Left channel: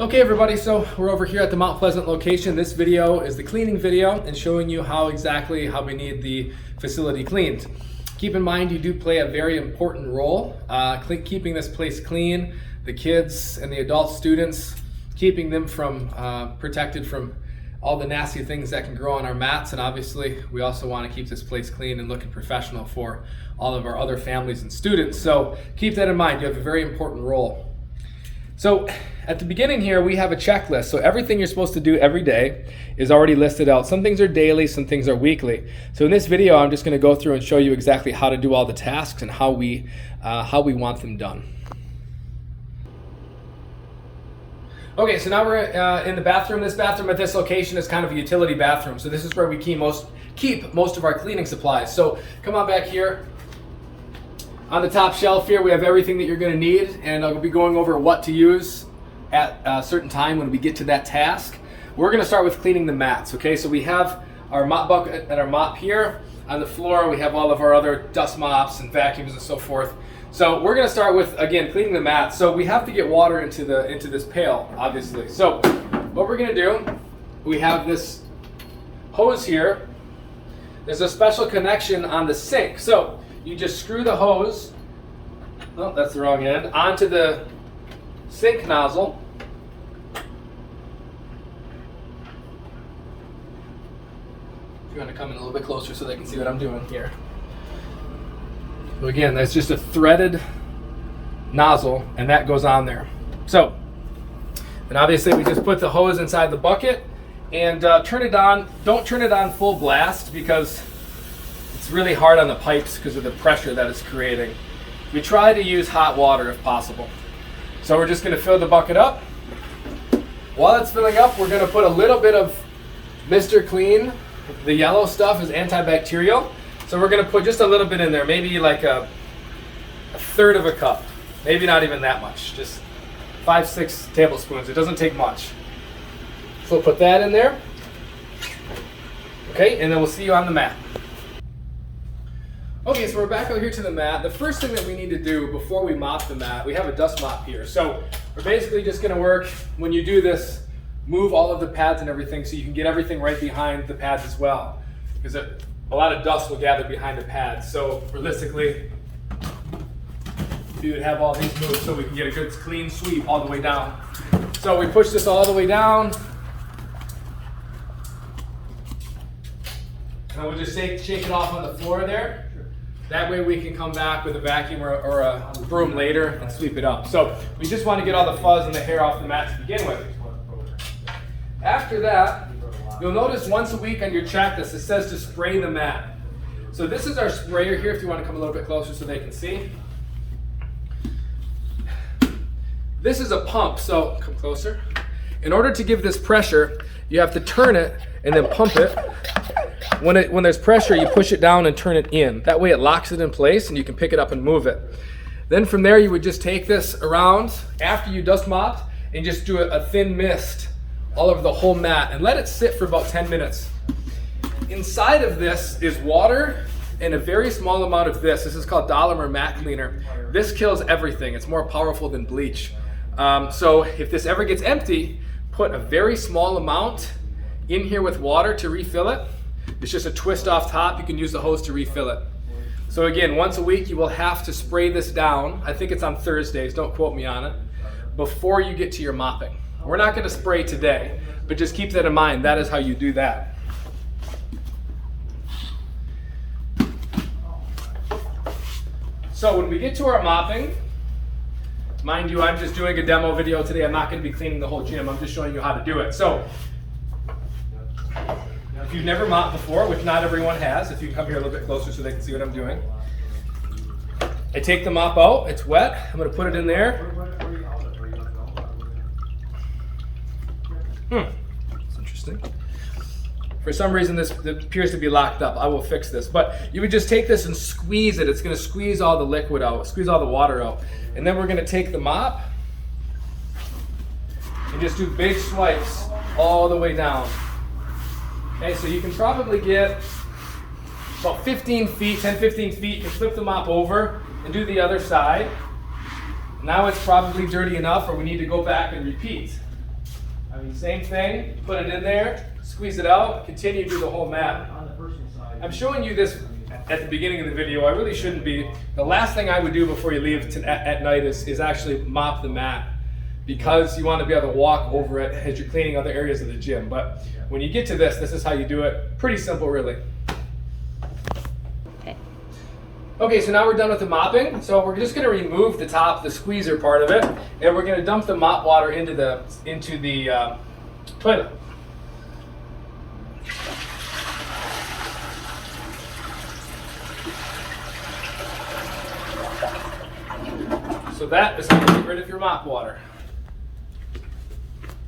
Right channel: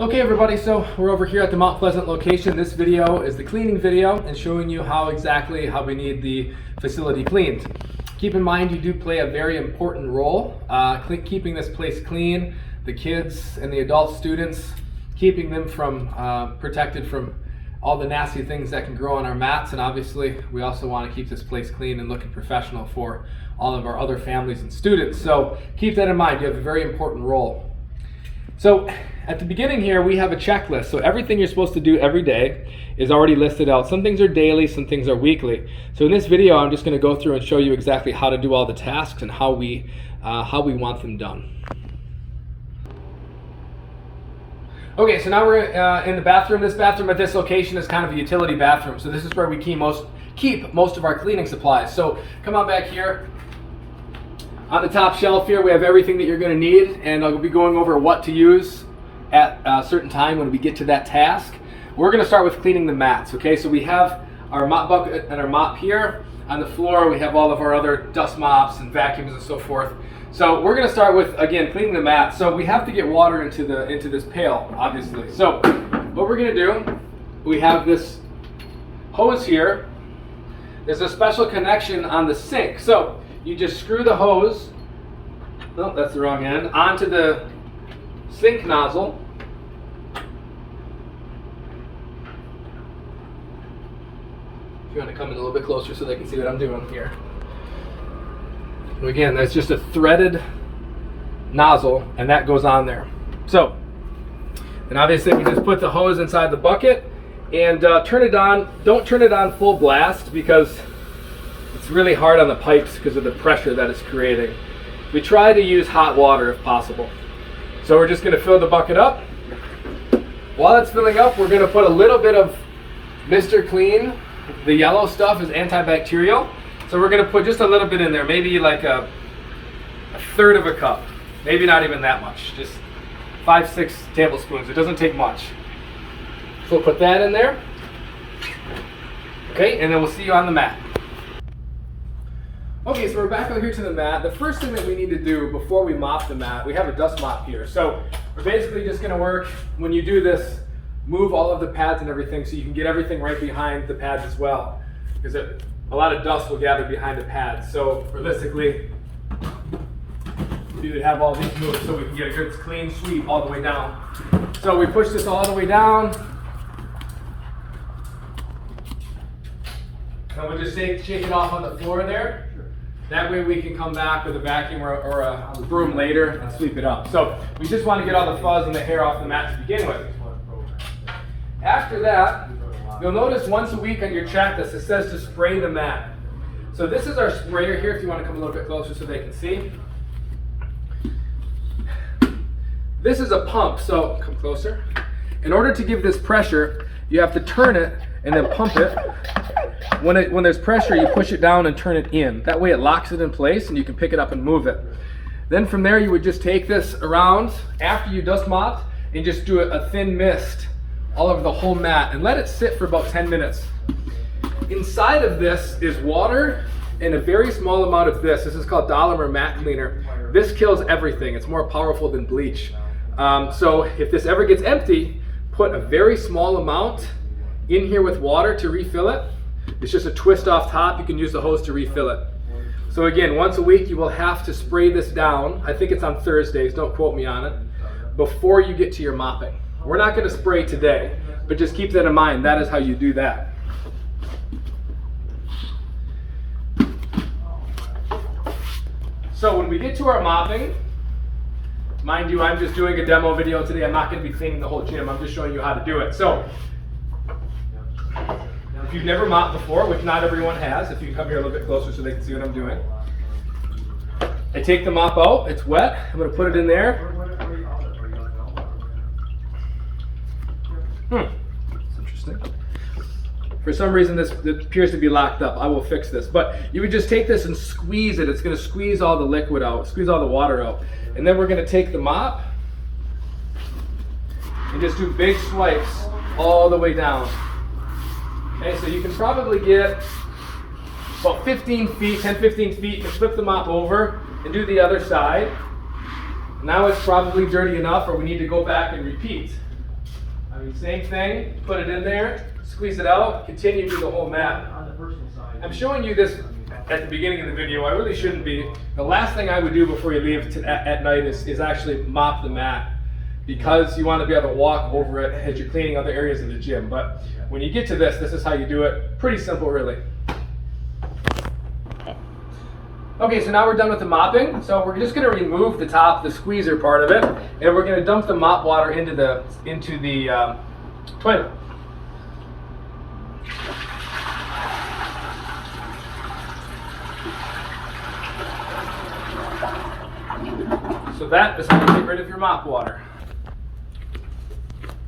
Okay everybody, so we're over here at the Mount Pleasant location. This video is the cleaning video and showing you how we need the facility cleaned. Keep in mind you do play a very important role, keeping this place clean, the kids and the adult students, keeping them from protected from all the nasty things that can grow on our mats, and obviously we also want to keep this place clean and looking professional for all of our other families and students. So keep that in mind, you have a very important role. So at the beginning here, we have a checklist. So everything you're supposed to do every day is already listed out. Some things are daily, some things are weekly. So in this video, I'm just going to go through and show you exactly how to do all the tasks and how we want them done. Okay, so now we're in the bathroom. This bathroom at this location is kind of a utility bathroom. So this is where we keep most of our cleaning supplies. So come on back here. On the top shelf here, we have everything that you're going to need, and I'll be going over what to use at a certain time when we get to that task. We're going to start with cleaning the mats, okay? So we have our mop bucket and our mop here. On the floor, we have all of our other dust mops and vacuums and so forth. So we're going to start with, again, cleaning the mats. So we have to get water into this pail, obviously. So what we're going to do, we have this hose here. There's a special connection on the sink. So you just screw the hose, no, that's the wrong end, onto the sink nozzle. If you want to come in a little bit closer so they can see what I'm doing here. Again, that's just a threaded nozzle, and that goes on there. So, and obviously we just put the hose inside the bucket and turn it on. Don't turn it on full blast because it's really hard on the pipes because of the pressure that it's creating. We try to use hot water if possible. So we're just going to fill the bucket up. While it's filling up, we're going to put a little bit of Mr. Clean. The yellow stuff is antibacterial. So we're going to put just a little bit in there, maybe like a third of a cup. Maybe not even that much, just 5-6 tablespoons. It doesn't take much. So we'll put that in there. Okay, and then we'll see you on the mat. Okay, so we're back over here to the mat. The first thing that we need to do before we mop the mat, we have a dust mop here. So we're basically just going to work, when you do this, move all of the pads and everything so you can get everything right behind the pads as well. Because a lot of dust will gather behind the pads. So realistically, we would have all these moved so we can get a good clean sweep all the way down. So we push this all the way down. And we'll just shake it off on the floor there. That way we can come back with a vacuum or a broom later and sweep it up. So we just want to get all the fuzz and the hair off the mat to begin with. After that, you'll notice once a week on your checklist it says to spray the mat. So this is our sprayer here, if you want to come a little bit closer so they can see. This is a pump, so come closer. In order to give this pressure, you have to turn it and then pump it. When there's pressure, you push it down and turn it in. That way it locks it in place and you can pick it up and move it. Then from there you would just take this around after you dust mop and just do a thin mist all over the whole mat and let it sit for about 10 minutes. Inside of this is water and a very small amount of this. This is called Dolomer Mat Cleaner. This kills everything. It's more powerful than bleach. So if this ever gets empty, put a very small amount in here with water to refill it. It's just a twist off top. You can use the hose to refill it. So again, once a week you will have to spray this down. I think it's on Thursdays, don't quote me on it, before you get to your mopping. We're not going to spray today, but just keep that in mind. That is how you do that. So when we get to our mopping, mind you, I'm just doing a demo video today. I'm not going to be cleaning the whole gym. I'm just showing you how to do it. So if you've never mopped before, which not everyone has, if you come here a little bit closer so they can see what I'm doing. I take the mop out, it's wet, I'm going to put it in there. That's interesting. For some reason this appears to be locked up. I will fix this. But you would just take this and squeeze it. It's going to squeeze all the liquid out, squeeze all the water out. And then we're going to take the mop and just do big swipes all the way down. Okay, so you can probably get about 15 feet, 10-15 feet. You can flip the mop over and do the other side. Now it's probably dirty enough or we need to go back and repeat. I mean, same thing, put it in there, squeeze it out, continue to do the whole mat. I'm showing you this at the beginning of the video. I really shouldn't be. The last thing I would do before you leave at night is actually mop the mat, because you want to be able to walk over it as you're cleaning other areas of the gym. But when you get to this is how you do it. Pretty simple, really. Okay, so now we're done with the mopping. So we're just going to remove the top, the squeezer part of it, and we're going to dump the mop water into the toilet. So that is how you get rid of your mop water.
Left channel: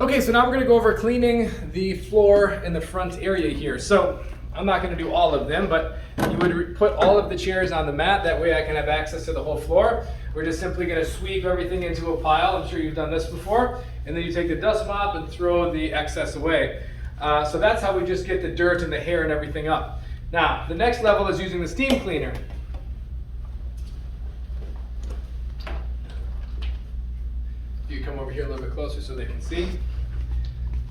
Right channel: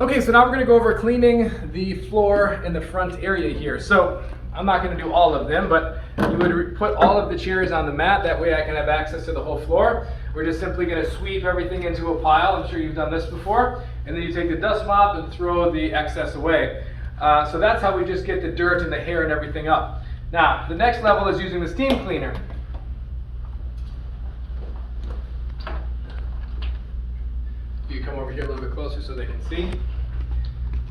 Okay, so now we're going to go over cleaning the floor in the front area here. So I'm not going to do all of them, but you would put all of the chairs on the mat. That way I can have access to the whole floor. We're just simply going to sweep everything into a pile. I'm sure you've done this before. And then you take the dust mop and throw the excess away. So that's how we just get the dirt and the hair and everything up. Now, the next level is using the steam cleaner. You come over here a little bit closer so they can see.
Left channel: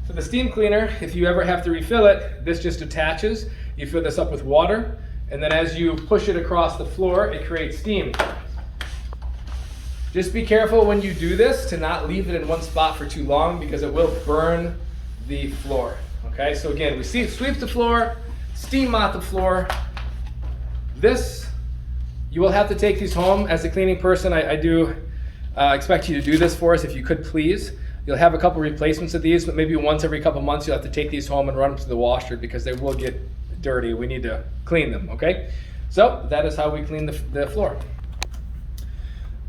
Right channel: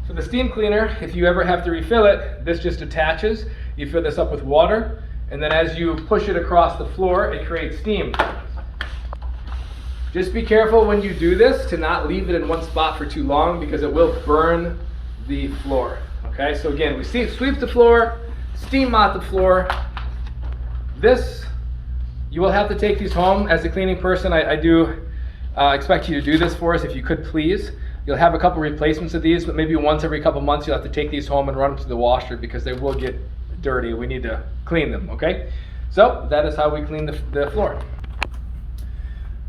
So the steam cleaner, if you ever have to refill it, this just attaches. You fill this up with water, and then as you push it across the floor, it creates steam. Just be careful when you do this to not leave it in one spot for too long, because it will burn the floor. Okay, so again, we sweep the floor, steam mop the floor. This, you will have to take these home. As a cleaning person, I do expect you to do this for us if you could, please. You'll have a couple replacements of these, but maybe once every couple months you'll have to take these home and run them to the washer, because they will get dirty. We need to clean them, okay? So that is how we clean the floor.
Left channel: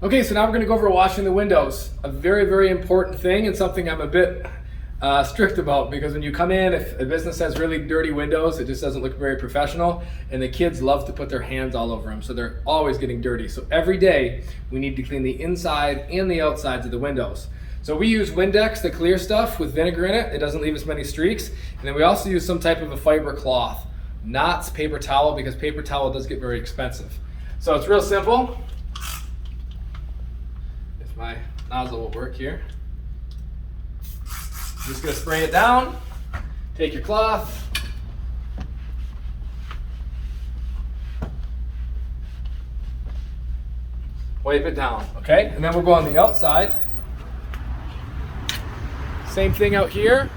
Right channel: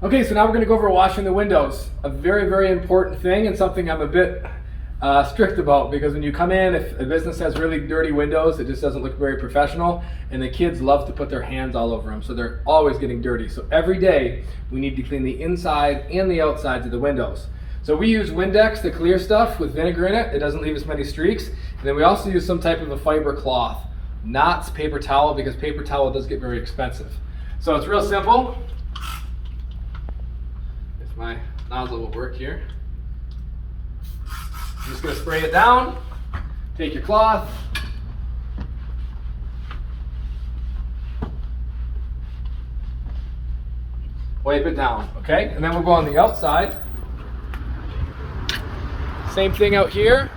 Okay, so now we're going to go over washing the windows. A very, very important thing, and something I'm a bit strict about, because when you come in, if a business has really dirty windows, it just doesn't look very professional, and the kids love to put their hands all over them, so they're always getting dirty. So every day we need to clean the inside and the outsides of the windows. So we use Windex, the clear stuff, with vinegar in it. It doesn't leave as many streaks. And then we also use some type of a fiber cloth, not paper towel, because paper towel does get very expensive. So it's real simple. If my nozzle will work here. I'm just going to spray it down. Take your cloth. Wipe it down, okay? And then we'll go on the outside. Same thing out here.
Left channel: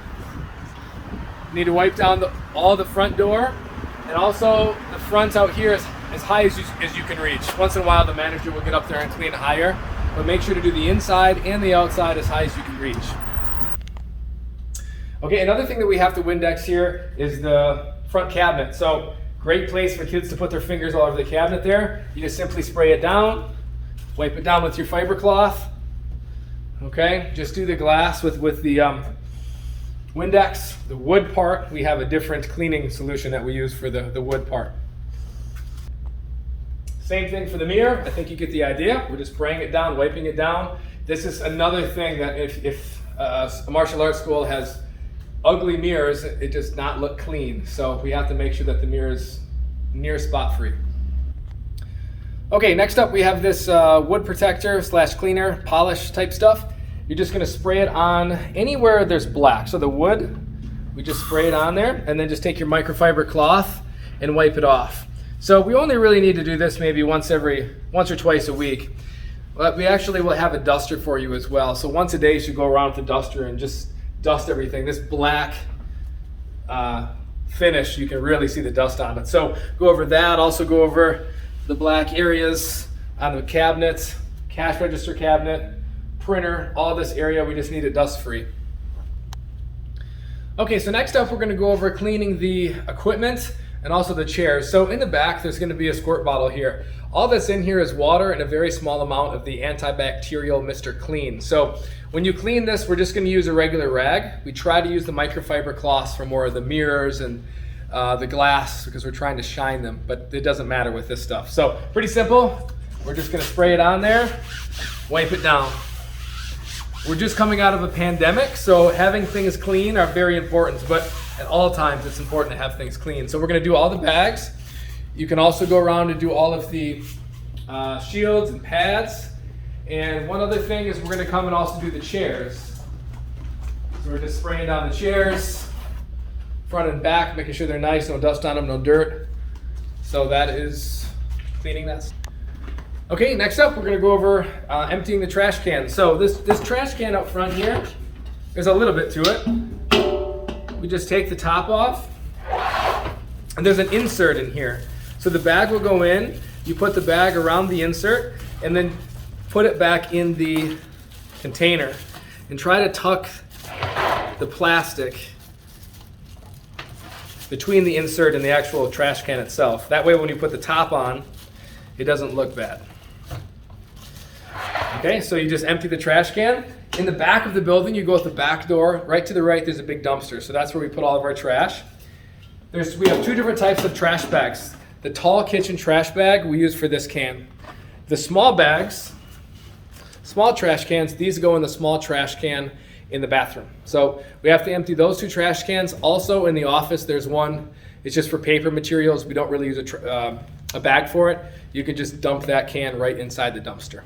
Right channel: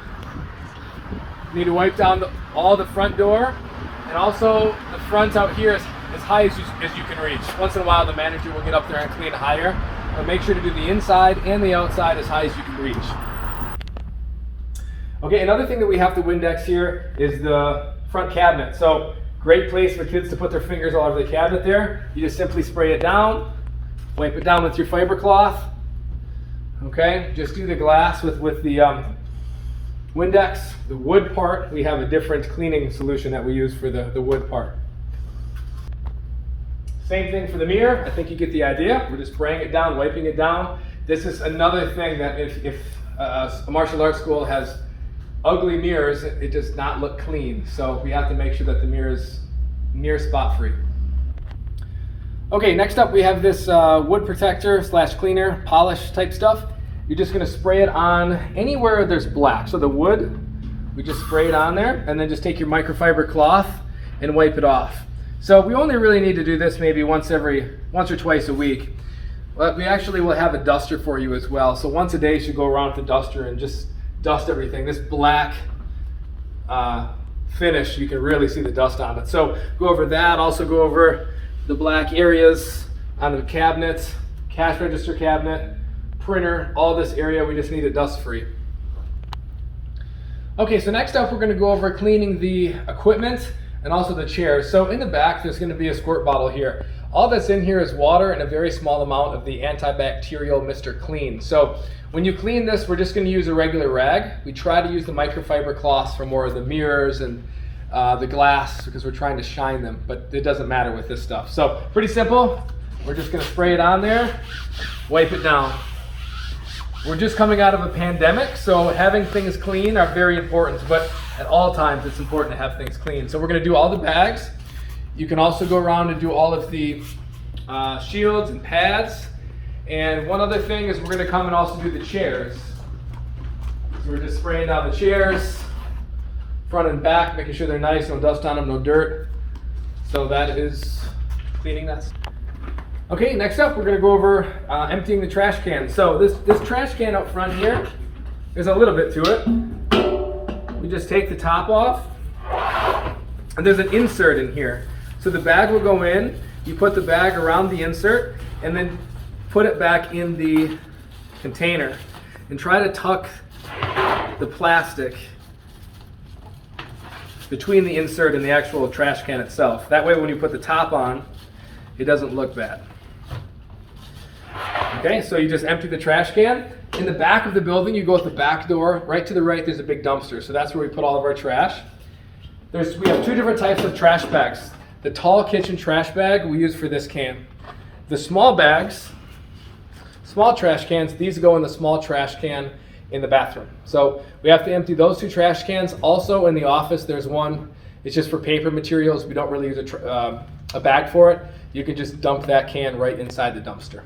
You need to wipe down all the front door, and also the fronts out here as high as you can reach. Once in a while the manager will get up there and clean higher, but make sure to do the inside and the outside as high as you can reach. Okay, another thing that we have to Windex here is the front cabinet. So great place for kids to put their fingers all over the cabinet there. You just simply spray it down, wipe it down with your fiber cloth. Okay, just do the glass with the Windex. The wood part, we have a different cleaning solution that we use for the wood part. Same thing for the mirror. I think you get the idea. We're just spraying it down, wiping it down. This is another thing that if a martial arts school has ugly mirrors, it does not look clean. So we have to make sure that the mirror is near spot free. Okay, next up we have this wood protector / cleaner polish type stuff. You're just going to spray it on anywhere there's black. So the wood, we just spray it on there, and then just take your microfiber cloth and wipe it off. So we only really need to do this maybe once or twice a week. But we actually will have a duster for you as well. So once a day you should go around with the duster and just dust everything. This black finish, you can really see the dust on it. So go over that. Also go over the black areas on the cabinet, cash register cabinet, printer, all this area. We just need it dust free. Okay, so next up we're going to go over cleaning the equipment and also the chairs. So in the back there's going to be a squirt bottle here. All that's in here is water and a very small amount of the antibacterial Mr. Clean. So when you clean this, we're just going to use a regular rag. We try to use the microfiber cloths for more of the mirrors and the glass, because we're trying to shine them, but it doesn't matter with this stuff. So pretty simple. We're just going to spray it on there, wipe it down. We're just coming out of a pandemic, so having things clean are very important, but at all times it's important to have things clean. So we're going to do all the bags. You can also go around and do all of the shields and pads. And one other thing is we're going to come and also do the chairs. So So we're just spraying down the chairs, front and back, making sure they're nice, no dust on them, no dirt. So that is cleaning that. Okay, next up we're going to go over emptying the trash can. So this trash can up front here, there's a little bit to it. We just take the top off, and there's an insert in here. So the bag will go in, you put the bag around the insert, and then put it back in the container. And try to tuck the plastic between the insert and the actual trash can itself. That way when you put the top on, it doesn't look bad. Okay, so you just empty the trash can. In the back of the building, you go out the back door. Right to the right, there's a big dumpster. So that's where we put all of our trash. We have two different types of trash bags. The tall kitchen trash bag we use for this can. The small bags, small trash cans, these go in the small trash can in the bathroom. So we have to empty those two trash cans. Also in the office, there's one. It's just for paper materials. We don't really use a bag for it. You can just dump that can right inside the dumpster.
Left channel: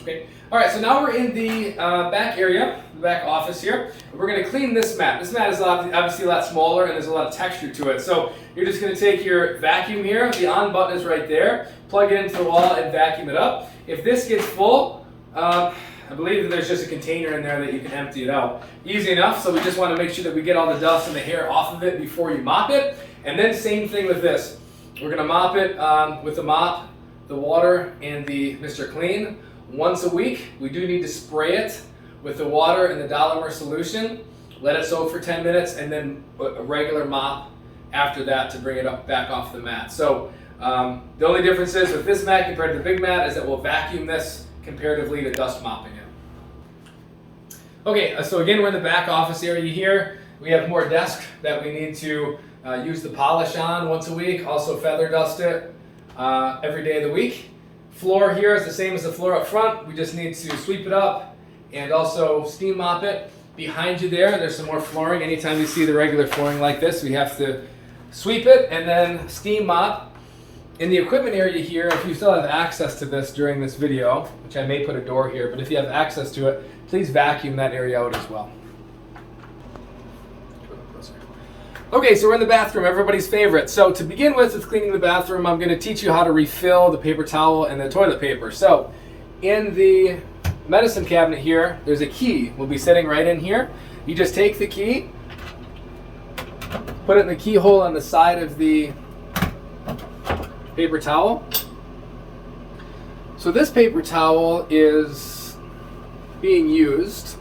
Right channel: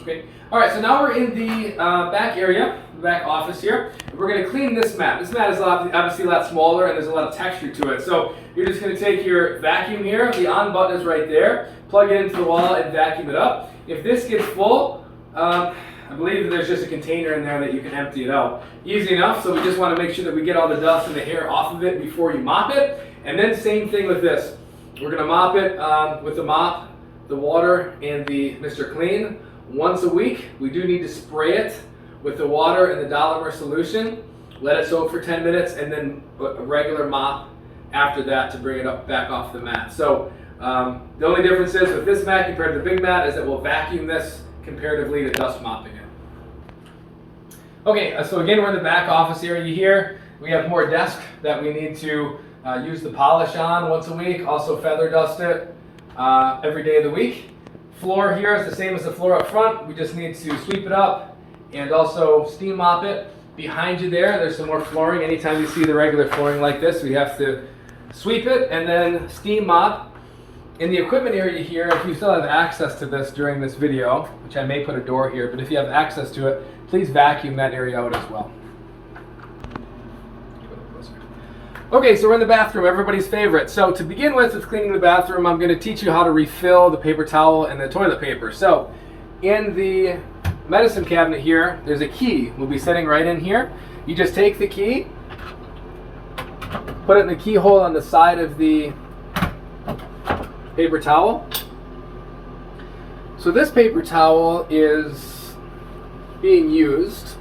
Okay. All right, so now we're in the back area, the back office here. We're going to clean this mat. This mat is obviously a lot smaller and there's a lot of texture to it. So you're just going to take your vacuum here, the on button is right there, plug it into the wall and vacuum it up. If this gets full, I believe that there's just a container in there that you can empty it out. Easy enough, so we just want to make sure that we get all the dust and the hair off of it before you mop it. And then same thing with this. We're going to mop it with the mop, the water, and the Mr. Clean. Once a week. We do need to spray it with the water and the Dolomer solution. Let it soak for 10 minutes and then a regular mop after that to bring it up back off the mat. So the only difference is with this mat compared to the big mat is that we'll vacuum this comparatively to dust mopping it. Okay, so again we're in the back office area here. We have more desk that we need to use the polish on once a week. Also feather dust it every day of the week. Floor here is the same as the floor up front. We just need to sweep it up and also steam mop it. Behind you there's some more flooring. Anytime you see the regular flooring like this, we have to sweep it and then steam mop. In the equipment area here, if you still have access to this during this video, which I may put a door here, but if you have access to it, please vacuum that area out as well. Okay, so we're in the bathroom, everybody's favorite. So to begin with cleaning the bathroom, I'm going to teach you how to refill the paper towel and the toilet paper. So in the medicine cabinet here, there's a key. We'll be sitting right in here. You just take the key, put it in the keyhole on the side of the paper towel. So this paper towel is being used.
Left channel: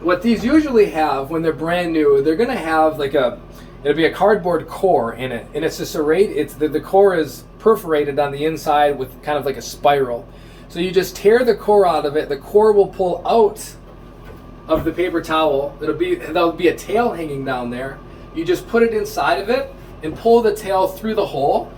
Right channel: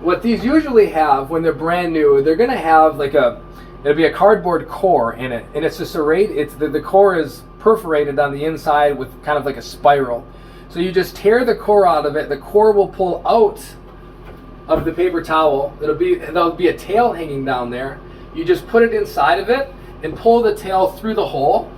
What these usually have when they're brand new, they're going to have like it'll be a cardboard core in it, and it's just the core is perforated on the inside with kind of like a spiral. So you just tear the core out of it. The core will pull out of the paper towel. There'll be a tail hanging down there. You just put it inside of it and pull the tail through the hole.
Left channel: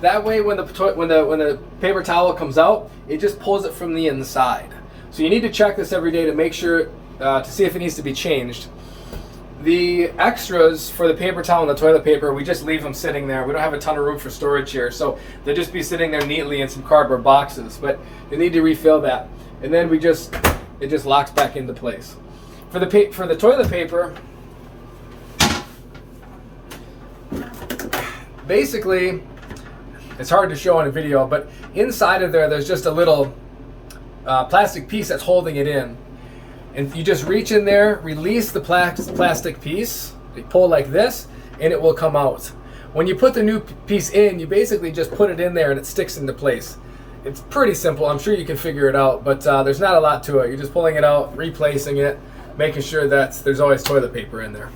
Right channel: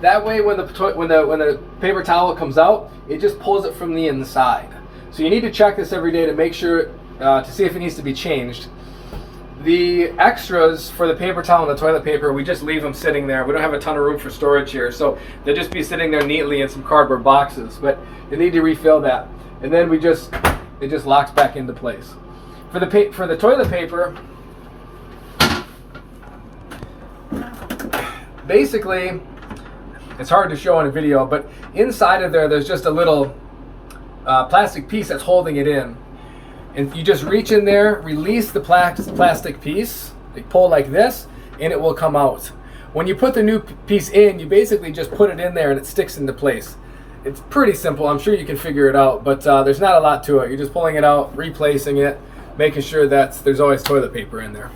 That way, when the paper towel comes out, it just pulls it from the inside. So you need to check this every day to make sure. To see if it needs to be changed. The extras for the paper towel and the toilet paper, we just leave them sitting there. We don't have a ton of room for storage here, so they'll just be sitting there neatly in some cardboard boxes. But you need to refill that, and then it just locks back into place. For the toilet paper, basically, it's hard to show on a video, but inside of there's just a little plastic piece that's holding it in. And you just reach in there, release the plastic piece, pull like this, and it will come out. When you put the new piece in, you basically just put it in there and it sticks into place. It's pretty simple. I'm sure you can figure it out, but there's not a lot to it. You're just pulling it out, replacing it, making sure that there's always toilet paper in there.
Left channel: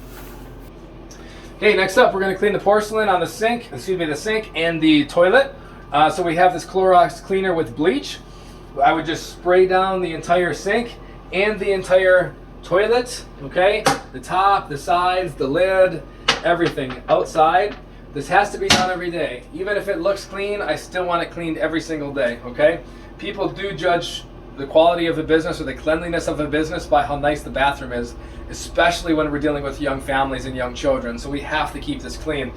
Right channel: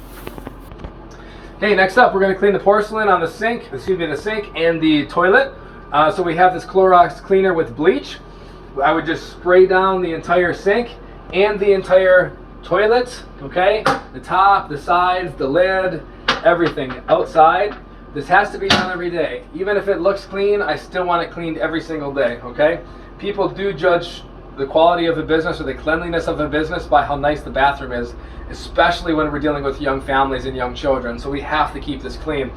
Okay, next up, we're going to clean the porcelain on the sink and the toilet. So we have this Clorox cleaner with bleach. I would just spray down the entire sink and the entire toilet, okay? The top, the sides, the lid, everything outside. This has to be done every day. Even if it looks clean, I still want it cleaned every single day, okay? People do judge the quality of a business or the cleanliness of a business by how nice the bathroom is, especially when we're dealing with young families and young children, so we have to keep this clean.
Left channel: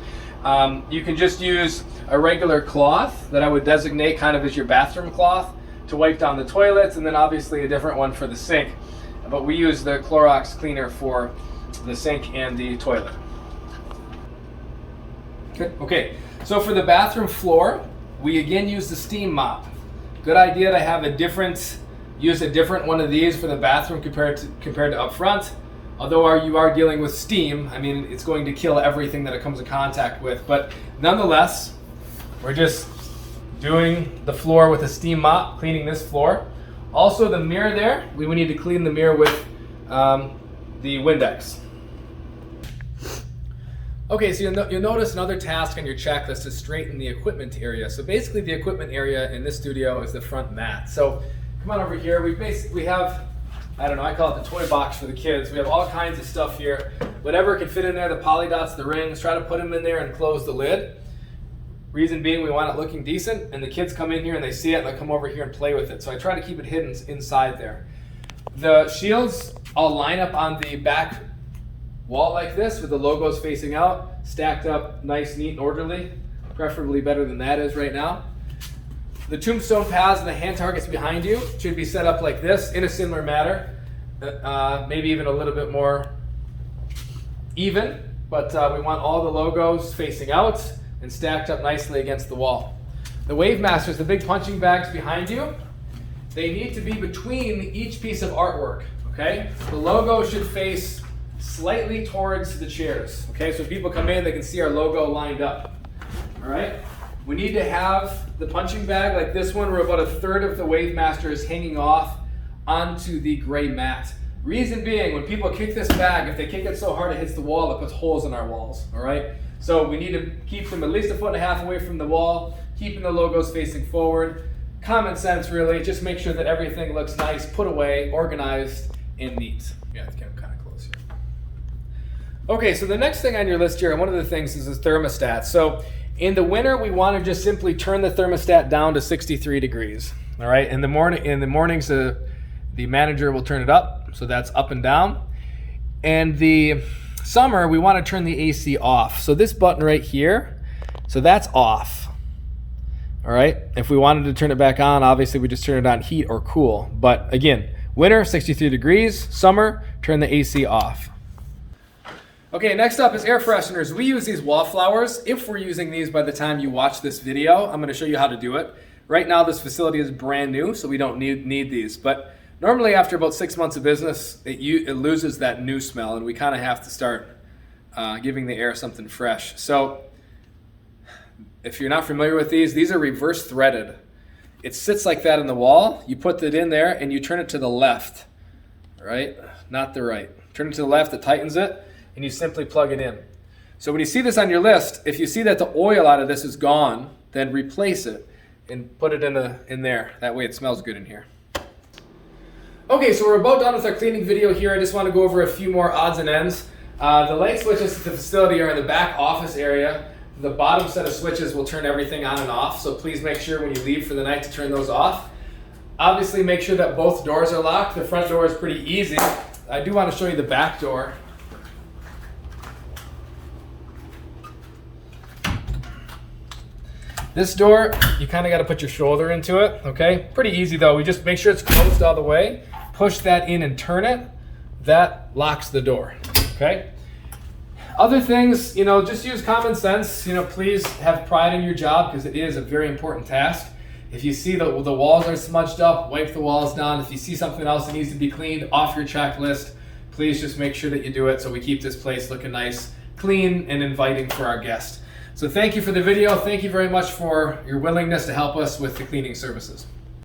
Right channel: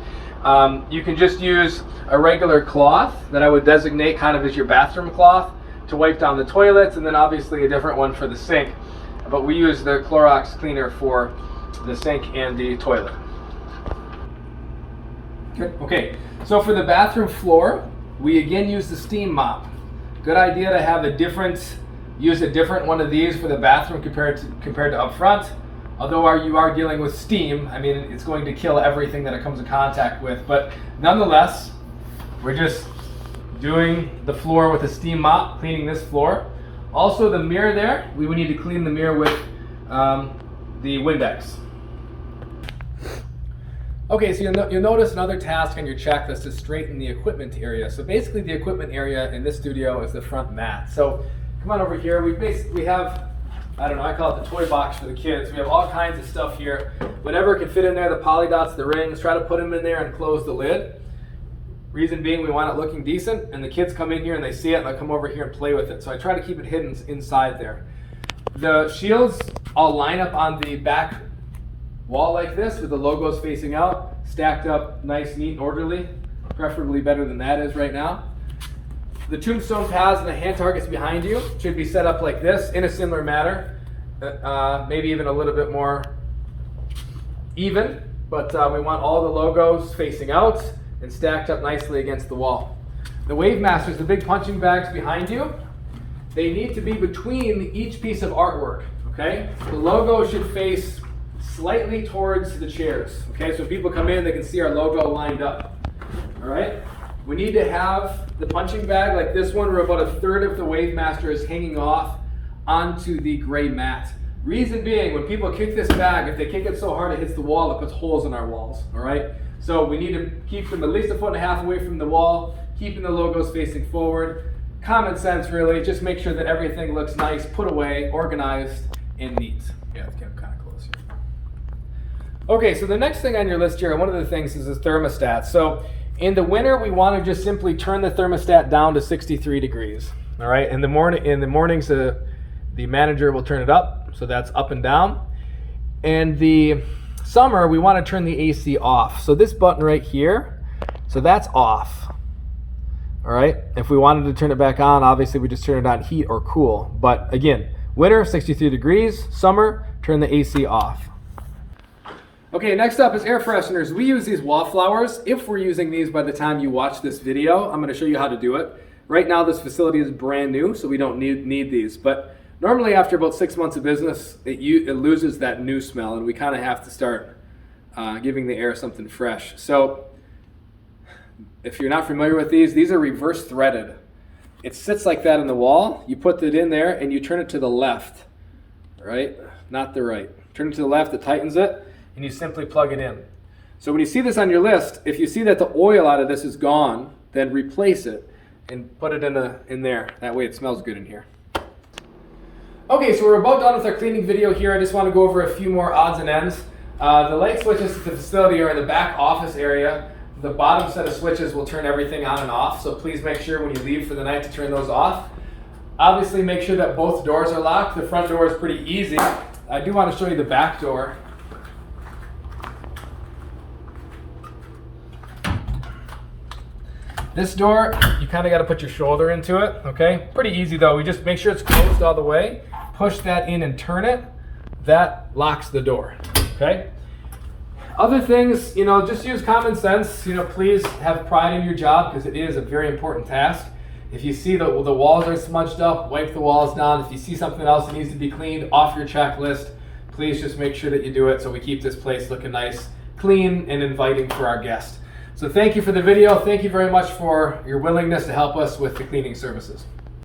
You can just use a regular cloth that I would designate kind of as your bathroom cloth. to wipe down the toilets, and then obviously a different one for the sink. But we use the Clorox cleaner for the sink and the toilet. Good. Okay, so for the bathroom floor, we again use the steam mop. Good idea to have use a different one of these for the bathroom compared to up front. Although you are dealing with steam, I mean, it's going to kill everything that it comes in contact with. But nonetheless, we're just doing the floor with a steam mop, cleaning this floor. Also the mirror there, we would need to clean the mirror with the Windex. Okay, so you'll notice another task on your checklist is straighten the equipment area. So basically the equipment area in this studio is the front mat. So come on over here, we have, I don't know, I call it the toy box for the kids. We have all kinds of stuff here. Whatever can fit in there, the poly dots, the rings, try to put them in there and close the lid. Reason being, we want it looking decent, and the kids come in here and they see it and they come over here and play with it. So I try to keep it hidden inside there. The shields all line up on the back wall like this with the logos facing out, stacked up nice, neat, and orderly, preferably better than that is right now. The tombstone paths and the hand targets behind you should be set up like this in a similar manner, maybe even a little bit more even, but we want all the logos facing out and stacked up nicely against the wall. The Wave Masters, the big punching bags behind you, they need to be between each piece of artwork, okay? The logo should face slightly towards the chairs, okay? So if people come in, they can see our logo lined up, all right? We need to have the punching bag like this one, where about a third of the Wave Master is hanging off onto the gray mat. Reason being, when people kick this bag, if they kick it so hard it hits the wall, it puts holes in our walls, all right? So we need to keep them at least 1.5 feet away from the wall, keeping the logos facing forward. Common sense, really. Just make sure that everything looks nice, put away, organized, and neat. Yeah, it's getting kind of close here. Okay, so the next thing on your list here, one of the things is the thermostat. So in the winter, we want to just simply turn the thermostat down to 63 degrees. All right, in the mornings, the manager will turn it up, so that's up and down. And the summer, we want to turn the AC off. So this button right here, so that's off. All right, if we wanted to turn it back on, obviously we just turn it on heat or cool. But again, winter, 63 degrees, summer, turn the AC off. Okay, next up is air fresheners. We use these wallflowers. If we're using these by the time you watch this video, I'm gonna show you how to do it. Right now, this facility is brand new, so we don't need these. But normally after about 6 months of business, it loses that new smell, and we kind of have to start giving the air something fresh. So if you're not familiar with these are reverse threaded. It sits like that in the wall. You put it in there and you turn it to the left, right? Not the right. Turn it to the left, it tightens it, and you simply plug it in. So when you see this on your list, if you see that the oil out of this is gone, then replace it and put it in there. That way it smells good in here. Okay, so we're about done with our cleaning video here. I just want to go over a few more odds and ends. The light switches to the facility are in the back office area. The bottom set of switches will turn everything on and off, so please make sure when you leave for the night to turn those off. Obviously make sure that both doors are locked. The front door is pretty easy. I do want to show you the back door. This door, you kind of got to put your shoulder into it, okay? Pretty easy though. We just make sure it's closed all the way. Push that in and turn it. That locks the door, okay? Other things, just use common sense. Please have pride in your job because it is a very important task. If you see the walls are smudged up, wipe the walls down. If you see something else that needs to be cleaned off your checklist, please just make sure that you do it so we keep this place looking nice, clean, and inviting for our guests. So thank you for the video. Thank you very much for your willingness to help us with the cleaning services.